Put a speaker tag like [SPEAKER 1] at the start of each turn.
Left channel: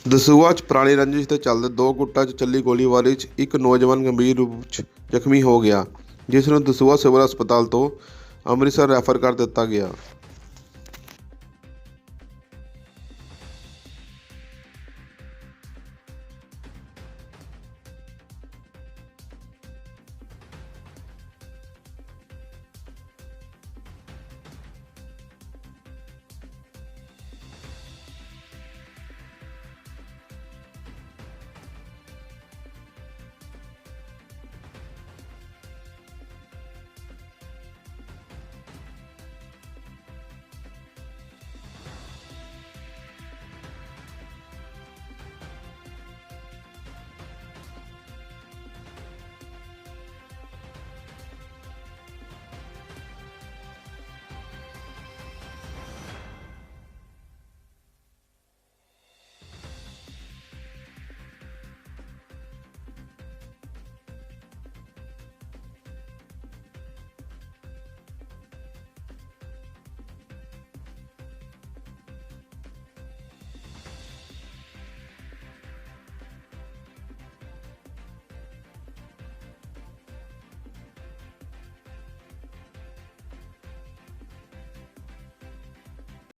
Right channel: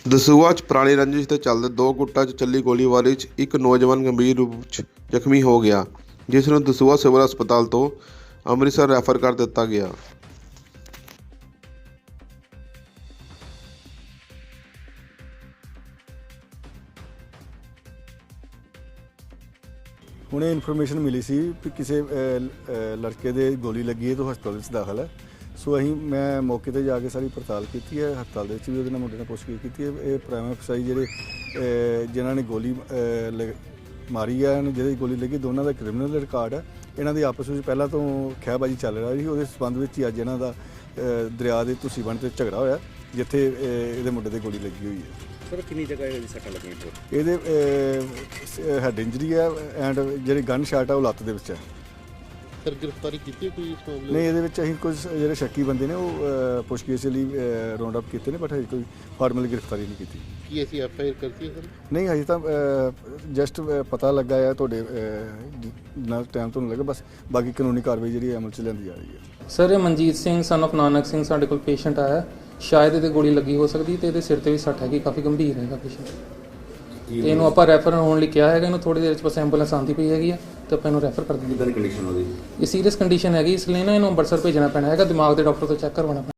[SPEAKER 1] ਦਸੂਹਾ 'ਚ ਪੁਰਾਣੀ ਰੰਜਿਸ਼ ਦੇ ਚੱਲਦੇ ਦੋ ਗੁੱਟਾਂ 'ਚ ਚੱਲੀ ਗੋਲੀਬਾਰੀ 'ਚ ਇੱਕ ਨੌਜਵਾਨ ਗੰਭੀਰ ਰੂਪ 'ਚ ਜ਼ਖਮੀ ਹੋ ਗਿਆ, ਜਿਸ ਨੂੰ ਦਸੂਹਾ ਸਿਵਲ ਹਸਪਤਾਲ ਤੋਂ ਅੰਮ੍ਰਿਤਸਰ ਰੈਫਰ ਕਰ ਦਿੱਤਾ ਗਿਆ।
[SPEAKER 2] ਹੁਣੇ ਇਨਫੋਰਮੇਸ਼ਨ ਮਿਲੀ ਸੀ ਕਿ ਕਿਸੇ ਲੜਕੇ ਦੇ ਗੋਲੀ ਲੱਗੀ ਹੈ ਤਾਂ ਹਸਪਤਾਲ ਵਿੱਚ ਦਾਖਲ ਹੈ। ਸੋ ਮੈਂ ਮੌਕੇ ਤੇ ਜਾ ਕੇ ਸਾਰੀ ਪੜਤਾਲ ਕੀਤੀ ਹੈ। ਹਸਪਤਾਲ ਦੇ ਵਿੱਚ ਵੀ ਉਹਦੇ ਨਾਲ ਮੁੰਡੇ ਨਾਲ ਪੁੱਛਗਿੱਛ ਕੀਤੀ ਹੈ। ਇਹ ਪ੍ਰਾਈਮ ਅਫਸਰ ਜਿਹੜੇ ਜਿਨ੍ਹਾਂ ਨੇ ਗੋਲੀ ਮਾਰੀ ਹੈ, ਜਿਹਦੀ ਗੋਲੀ ਲੱਗੀ, ਦੋਨਾਂ ਦਾ ਕ੍ਰਿਮੀਨਲ ਰਿਕਾਰਡ ਹੈ। ਇਹਨਾਂ ਦੀ ਆਪਸ ਵਿੱਚ ਪਹਿਲਾਂ ਤੋਂ ਖਹਿਬਾਜ਼ੀ ਚੱਲ ਰਹੀ ਸੀ। ਉਹਦੇ ਸੰਬੰਧ ਵਿੱਚ ਹੀ ਅੱਜ ਇਹਨਾਂ ਦਾ ਦਰਿਆ ਦੇ ਤੁਸੀਂ ਬੰਨ੍ਹ ਤੇ ਝਗੜਾ ਹੋਇਆ, ਜਿੱਥੇ ਇਹਦੇ ਮੁੰਡੇ ਤੇ ਗੋਲੀ ਲੱਗੀ ਹੋਈ ਹੈ।
[SPEAKER 3] ਸਰ ਕਿੰਨੀ ਜਗ੍ਹਾ ਇਹਦੀ ਸੱਟਾਂ ਲੱਗੀਆਂ?
[SPEAKER 2] ਇਹਦੇ ਹੈਡ ਇੰਜਰੀ ਹੈ ਐਂਡ ਜਿਹੜੀ ਗਨ ਸ਼ਾਟ ਹੈ ਉਹ ਲੱਤ ਦੇ ਵਿੱਚ ਹੈ।
[SPEAKER 3] ਸਰ ਗ੍ਰਿਫਤਾਰੀ ਕੀਤੀ ਕੋਈ ਇਸ ਮਾਮਲੇ?
[SPEAKER 2] ਨਹੀਂ, ਇਹਦੇ ਵਿੱਚ ਅਸੀਂ ਕੁਝ ਜਿਹੜੇ ਸ਼ੱਕੀ ਬੰਦੇ ਨੇ ਉਹ ਪੁੱਛਗਿੱਛ ਲਈ ਰਾਉਂਡ ਅਪ ਕੀਤੇ ਨੇ, ਬਟ ਹਜੇ ਕੋਈ ਫਾਰਮਲ ਗ੍ਰਿਫਤਾਰੀ ਨਹੀਂ ਕੀਤੀ।
[SPEAKER 3] ਕੀ ਅਸੀਂ FIR ਕਰਤੀ ਹੈ ਸਰ?
[SPEAKER 2] ਨਹੀਂ, ਹਜੇ ਤਾਂ ਜਸਟ ਪਤਾ ਲੱਗਾ ਹੈ ਤੁਹਾਡੇ ਨਾਲ ਟਾਈਮ ਤੋਂ ਲੱਗਾ, ਬਸ ਬਾਕੀ ਕਾਨੂੰਨੀ ਕਾਰਵਾਈ ਜਿਹੜੀ ਅਮਲ 'ਚ ਲਿਆਂਦੀ ਜਾ ਰਹੀ ਹੈ।
[SPEAKER 4] ਸਰ ਇਹ ਮਨਜੀਤ ਸਿੰਘ ਸਨ ਆਫ ਨਾਨਕ ਸਿੰਘ ਸਾਡੇ ਕੋਲ ਪੇਸ਼ੈਂਟ ਆਇਆ, ਸ਼ਾਇਦ ਇਹਦੇ ਗੋਲੀ ਲੱਗੀ ਹੋ ਸਕਦੀ ਤੇ ਇਹਦੇ ਸਿਰ ਤੇ ਵੀ ਸੱਟ ਹੈਗੀ, ਕਾਫੀ ਗੰਭੀਰ ਹੈਗਾ ਪੇਸ਼ੈਂਟ। ਤੇ ਇਹਨੂੰ ਆਪਾਂ ਰੈਫਰ ਹੋਣ ਲਈ ਕਿਹਾ ਹੈਗਾ, ਇਹਨੂੰ ਥੋੜੀ ਦੇਰ 'ਚ ਬਸ ਐਂਬੂਲੈਂਸ ਆਉਂਦੀ ਪਈ ਹੈਗੀ ਆ ਤੇ ਆਪਾਂ ਇਹਨੂੰ ਰੈਫਰ ਕਰ ਦਿੰਦੇ।
[SPEAKER 3] ਕੰਡੀਸ਼ਨ ਉਹਦੀ
[SPEAKER 4] ਇਹ ਸੀਰੀਅਸ ਕੰਡੀਸ਼ਨ ਹੈਗੀ, ਇਸ ਲਈ ਨਾ ਇਹਨੂੰ ਅੰਮ੍ਰਿਤਸਰ ਭੇਜਣਾ ਪੈਣਾ ਹੈਗਾ, ਦਿਮਾਗ ਦੇ ਡਾਕਟਰ ਤੋਂ ਚੈੱਕ ਕਰਵਾਉਣਾ ਪੈਣਾ।